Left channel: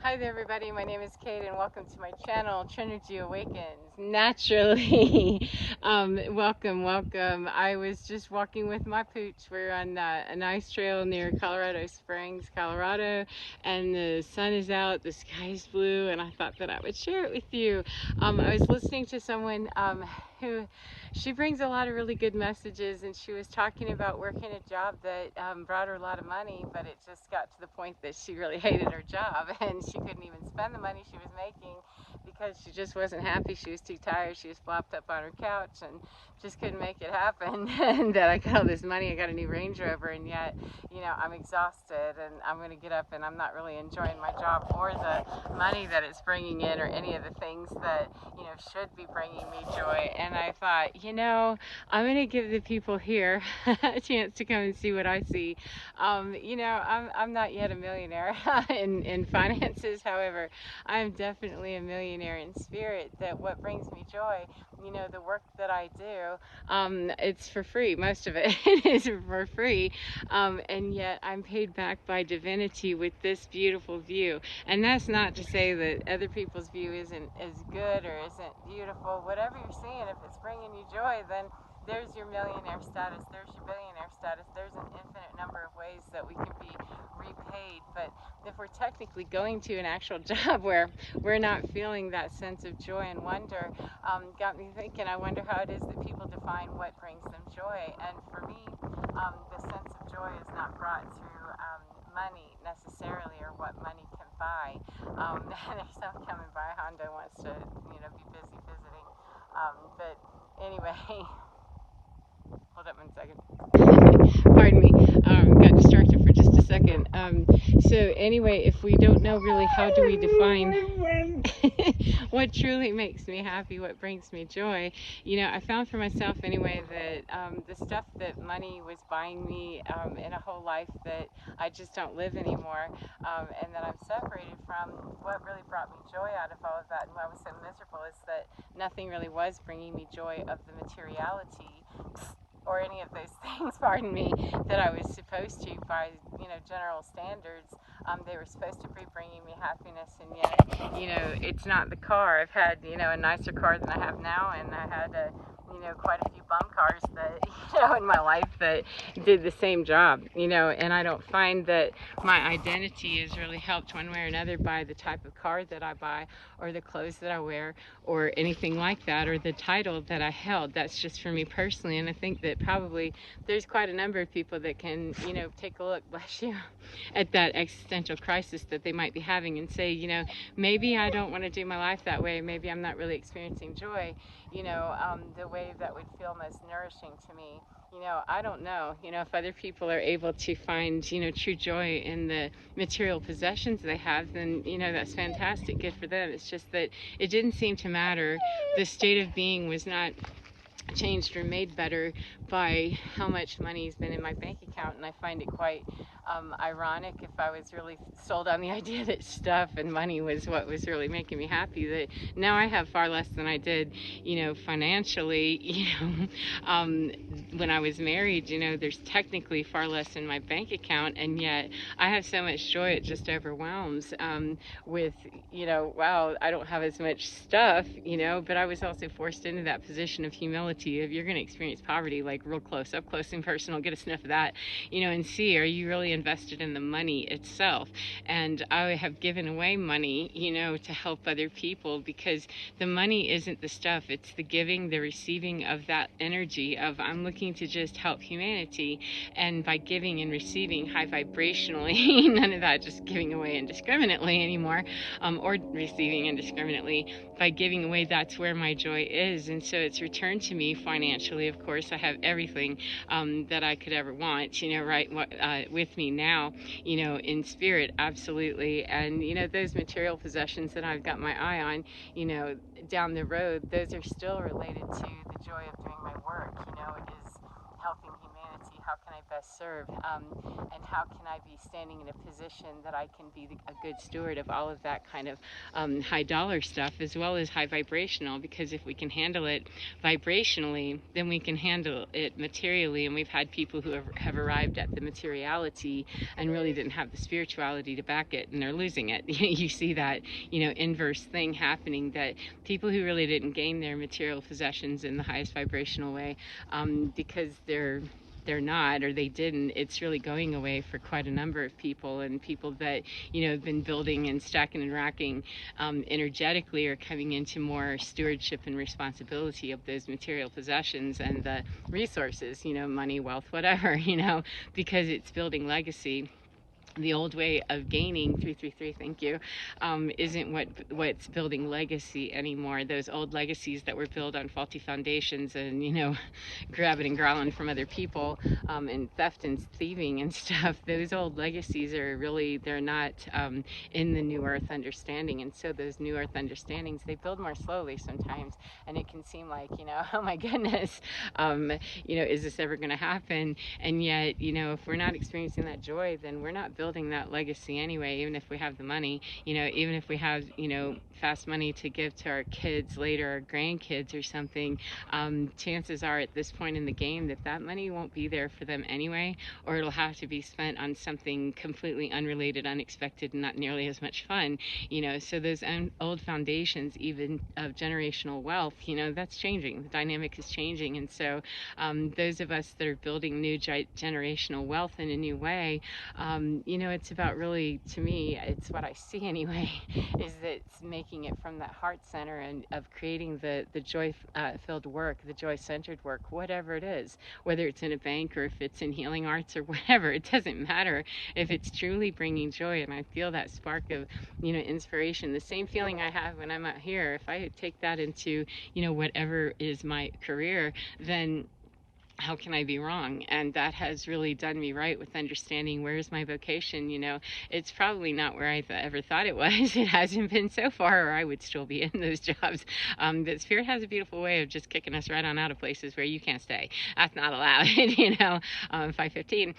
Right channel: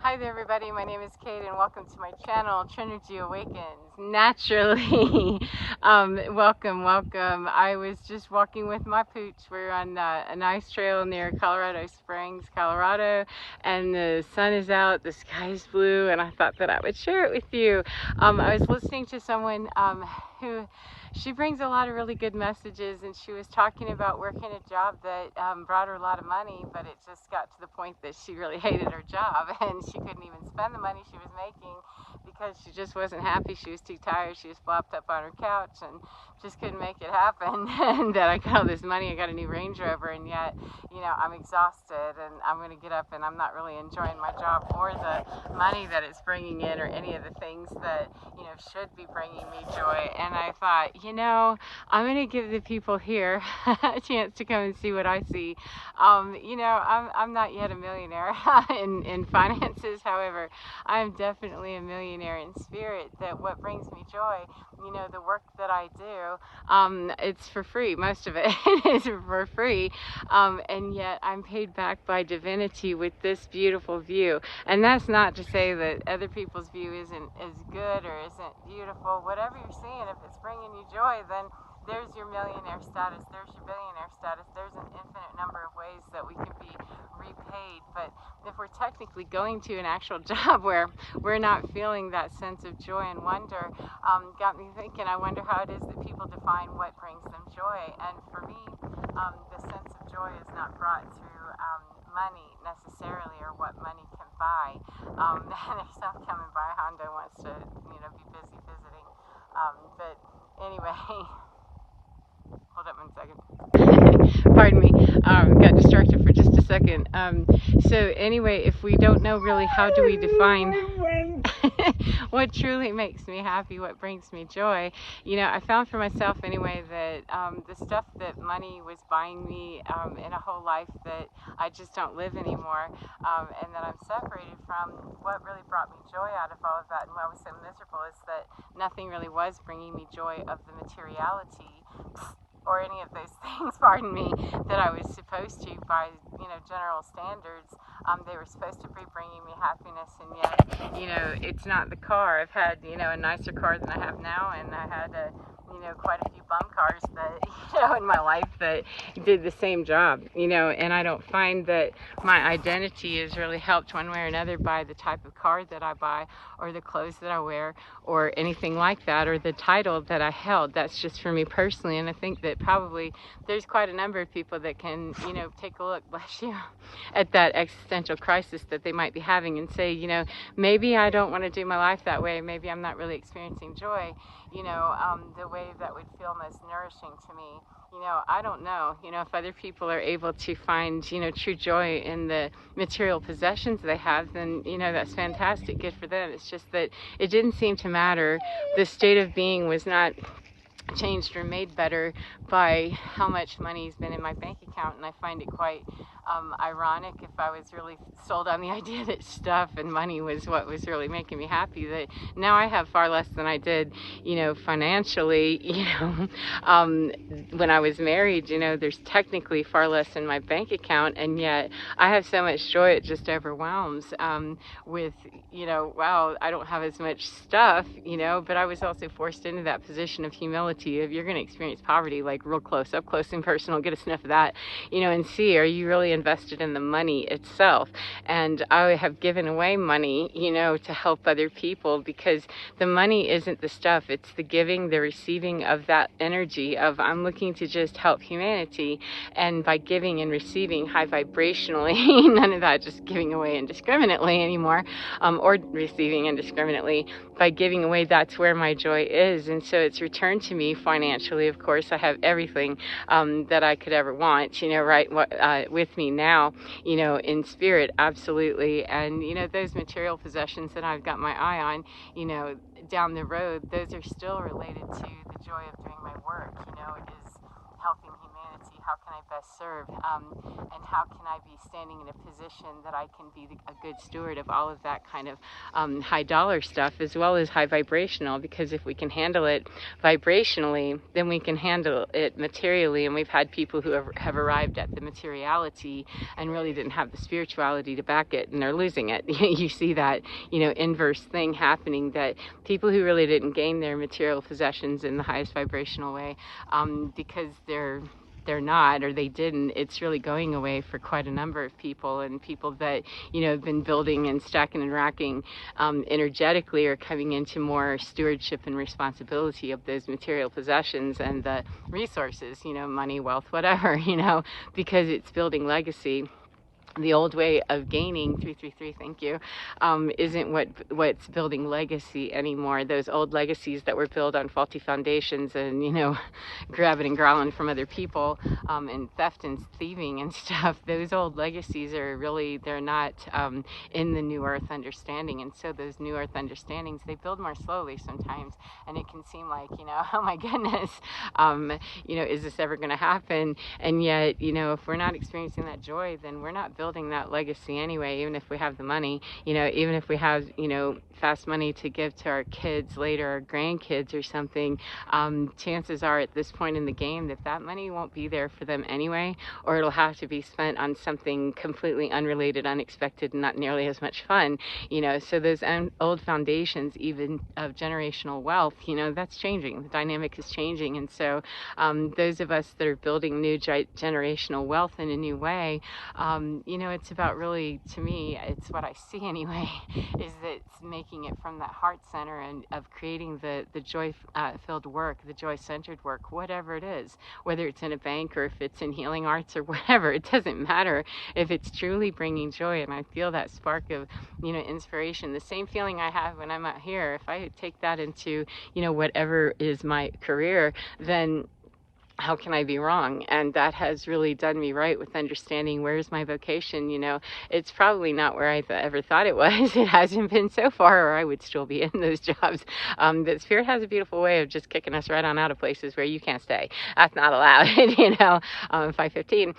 Hi there everybody, my name is Kate and welcome to my channel, Trinity Awakens. Naturally, welcome. I was just walking with my pooch. We're on a nice trail near Colorado Springs, Colorado, and the sun is out, the sky is blue, and I thought that I would share it with you. I was listening to someone who she brings a lot of really good messages, and she was talking about working a job that brought her a lot of money, but it just got to the point that she really hated her job and she couldn't even spend the money she was making because she just wasn't happy. She was too tired. She was flopped up on her couch and just couldn't make it happen. And that I got all this money, I got a new Range Rover, and yet, I'm exhausted and I'm going to get up and I'm not really enjoying my job or the money that it's bringing in or any of the things that, should be bringing me joy. And I thought, I'm going to give the people here a chance to come and see what I see. I'm not yet a millionaire in finances. However, I'm definitely a millionaire in spirit. That what brings me joy, the work that I do, it's for free. Most of it is for free. And yet I'm paid back by divinity with this beautiful view. And that's not to say that other people's view isn't as good or isn't beautiful. Whatever you're seeing, if it's bringing you joy, then there's your millionaire status, there's your billionaire status, there's an infinite number of ways that we can be repaid. But if we're technically going to an actual job where we're not feeling that sense of joy and wonder, got me thinking, I wonder how it is that people define what brings them joy. And for me, the sense of joy is not brought through money necessarily, or what money can buy. There's some coming by. Honda wants to, be busy visiting. But anyway, hold up 1 second. Pardon me. Got distracted for just a second. So anyway, if we don't know really how do we define what truly makes me happy, what brings me joy, I found for myself anyway that the stuff that money was buying me in a whole life that I just don't live anymore, and that I'm separated from, what really brought me joy out of all of that and why I was so miserable is that nothing really was bringing me joy of the materiality or any of those things, pardon me, that I was supposed to by, general standards. They were supposed to be bringing me happiness, and yet, it's not the car. I've had, a nicer car than I have now, and I had quite a few bum cars that, in my life that did the same job, and I don't find that my identity is really helped one way or another by the type of car that I buy or the clothes that I wear or anything like that, or the title that I held. That's just for me personally, and I think that probably there's quite a number of people that can, take a look, bless you, at that existential crisis that they might be having and say, maybe I don't want to do my life that way. Maybe I'm not really experiencing joy, the way that would feel most nourishing to me. I don't know, if other people are able to find, true joy in the material possessions they have, then, that's fantastic, good for them. It's just that it didn't seem to matter. The state of being was not changed or made better by how much money's been in my bank account, and I find it quite ironic, if I was really sold on the idea that stuff and money was what was really making me happy, that now I have far less than I did, financially, when I was married. There's technically far less in my bank account, and yet I have so much joy it just overwhelms, with, wow, I don't have as much stuff, but I was also forced into that position of humility. If you're going to experience poverty, like real close, up close and personal, get a sniff of that, and see, are you really invested in the money itself? And I have given away money, to help other people, because the money isn't the stuff, it's the giving, the receiving of that energy of, I'm looking to just help humanity, and by giving and receiving high vibrationally, none of that just giving away indiscriminately anymore, or receiving indiscriminately. By giving away, that's where my joy is, and so it's returned to me financially. Of course, I have everything that I could ever want, right with me now, in spirit, absolutely. And those material possessions that I've got my eye on, down the road, those are still related to the joy of doing my work. It is helping humanity, how can I best serve, and how can I be standing in a position that I can be a good steward of all of that kind of high dollar stuff, as well as high vibrational, because if we can handle it vibrationally, then we can handle it materially. And we've had people who have arrived at the materiality and really didn't have the spirituality to back it, and they're losing it. You see that, inverse thing happening, that people who really didn't gain their material possessions in the highest vibrational way, because they're not, or they didn't, it's really going away for quite a number of people. And people that have been building and stacking and racking energetically are coming into more stewardship and responsibility of those material possessions and the resources, money, wealth, whatever, because it's building legacy. The old way of gaining, 333, thank you, isn't what's building legacy anymore. Those old legacies that were built on faulty foundations and, grabbing and growling from other people, and theft and thieving and stuff, those old legacies are really, they're not in the new earth understanding. And so those new earth understandings, they build more slowly sometimes, and it can seem like, oh my goodness, is this ever going to happen? And yet, if we're not experiencing that joy, then we're not building that legacy anyway. Even if we have the money, even if we have, fast money to give to our kids later, or grandkids or something, chances are at this point in the game that money won't be there for them anyway, or it'll have to be spent on something completely unrelated, unexpected, and not nearly as much fun. So those old foundations, even of generational wealth, that's changing. The dynamic is changing. And so those of us that are building new generational wealth in a new way, it's about, really, to me, it's what I see anyway, is that it's making it from that heart center and of creating the joy filled work, the joy centered work, whatever it is, whether it's in a bank or if it's in healing arts or whatever. It doesn't matter if it's truly bringing joy. And I feel that spark of inspiration, the same feeling I have when I'm out here. If I take that into whatever is my career, then how can I be wrong? And that has really done me right with understanding where's my vocation. It's probably not where I ever thought it was. It hasn't been so far, or I would still be in those jobs. But Spirit has a beautiful way of just kicking us right on out of places where you can't stay. That's not allowed. 515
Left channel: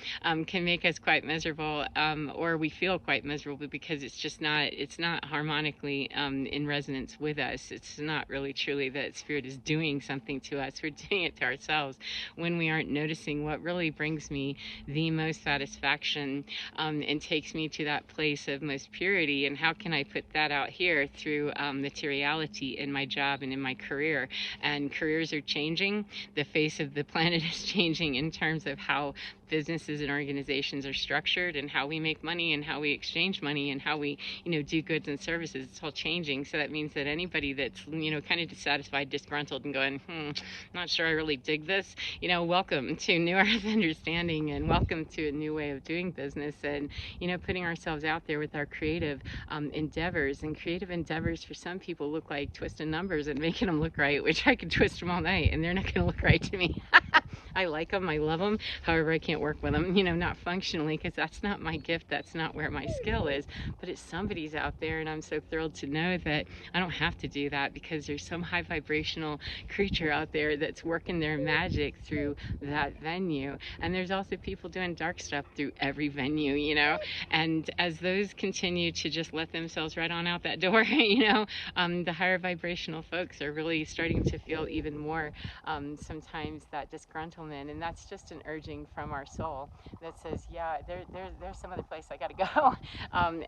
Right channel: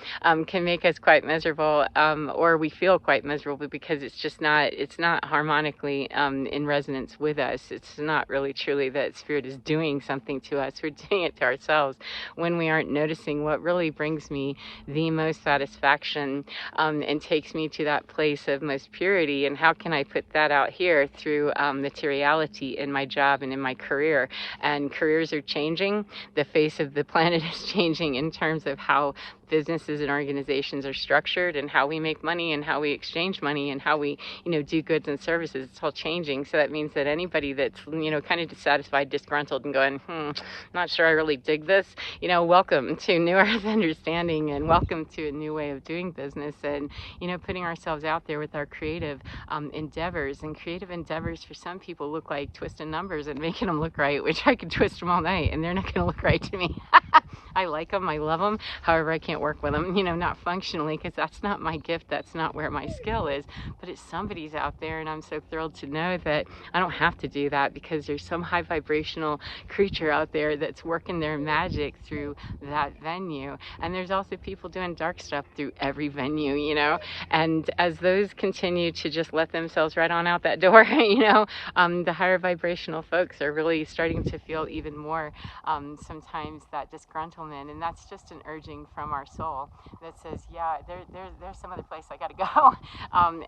can make us quite miserable, or we feel quite miserable because it's not harmonically in resonance with us. It's not really truly that Spirit is doing something to us. We're doing it to ourselves when we aren't noticing what really brings me the most satisfaction, and takes me to that place of most purity. And how can I put that out here through materiality in my job and in my career? And careers are changing. The face of the planet is changing in terms of how businesses and organizations are structured, and how we make money, and how we exchange money, and how we do goods and services. It's all changing. So that means that anybody that's kind of dissatisfied, disgruntled, and going, not sure I really dig this, welcome to New Earth Understanding, and welcome to a new way of doing business, and putting ourselves out there with our creative endeavors. And creative endeavors for some people look like twisting numbers and making them look right, which I could twist them all night and they're not going to look right to me. I like them, I love them, however I can't work with them, not functionally, because that's not my gift, that's not where my skill is. But it's somebody's out there, and I'm so thrilled to know that I don't have to do that, because there's some high vibrational creature out there that's working their magic through that venue. And there's also people doing dark stuff through every venue, and as those continue to just let themselves right on out that door, the higher vibrational folks are really starting to feel even more sometimes that disgruntlement. And that's just an urging from our soul that says, yeah, there's some other place I got to go.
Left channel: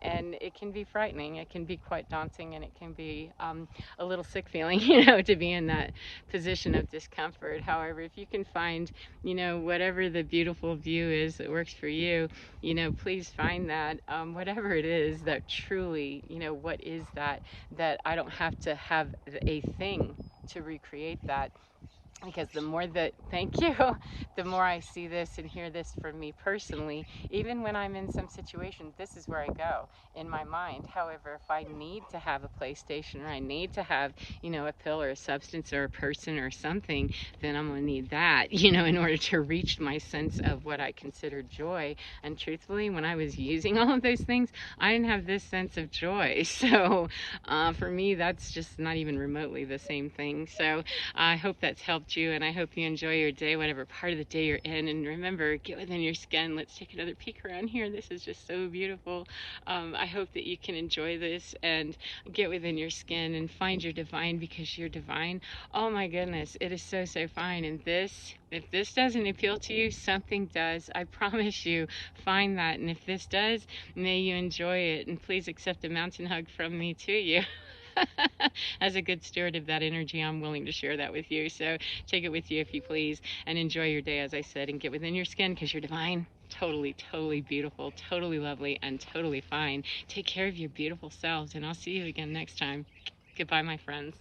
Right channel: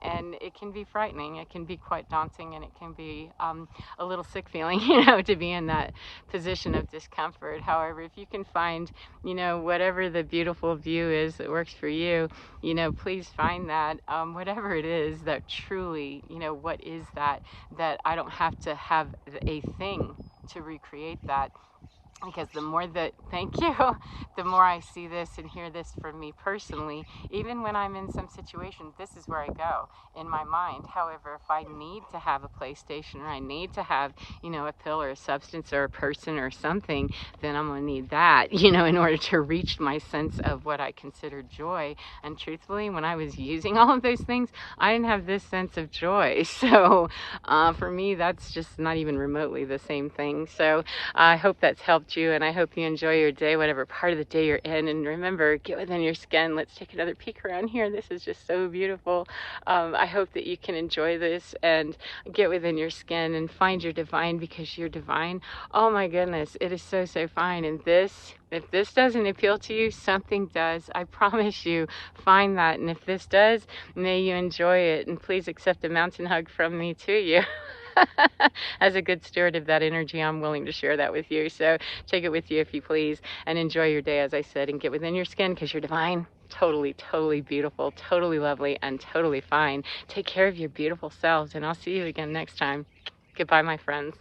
And it can be frightening, it can be quite daunting, and it can be a little sick feeling, to be in that position of discomfort. However, if you can find, whatever the beautiful view is that works for you, please find that, whatever it is that truly, what is that I don't have to have a thing to recreate that. Because the more that, thank you, the more I see this and hear this from me personally, even when I'm in some situation, this is where I go in my mind. However, if I need to have a PlayStation, or I need to have, a pill or a substance or a person or something, then I'm going to need that, in order to reach my sense of what I consider joy. And truthfully, when I was using all of those things, I didn't have this sense of joy. So for me, that's just not even remotely the same thing. So I hope that's helped uplift you, and I hope you enjoy your day, whatever part of the day you're in. And remember, get within your skin. Let's take another peek around here. This is just so beautiful. I hope that you can enjoy this and get within your skin and find your divine, because you're divine. Oh my goodness, it is so, so fine. And this, if this doesn't appeal to you, something does. I promise you, find that. And if this does, may you enjoy it. And please accept a mountain hug from me to you. As a good steward of that energy, I'm willing to share that with you. So take it with you if you please, and enjoy your day, as I said, and get within your skin, because you're divine. Totally, totally beautiful, totally lovely, and totally fine. Take care of your beautiful selves, and I'll see you again next time. Goodbye, my friends.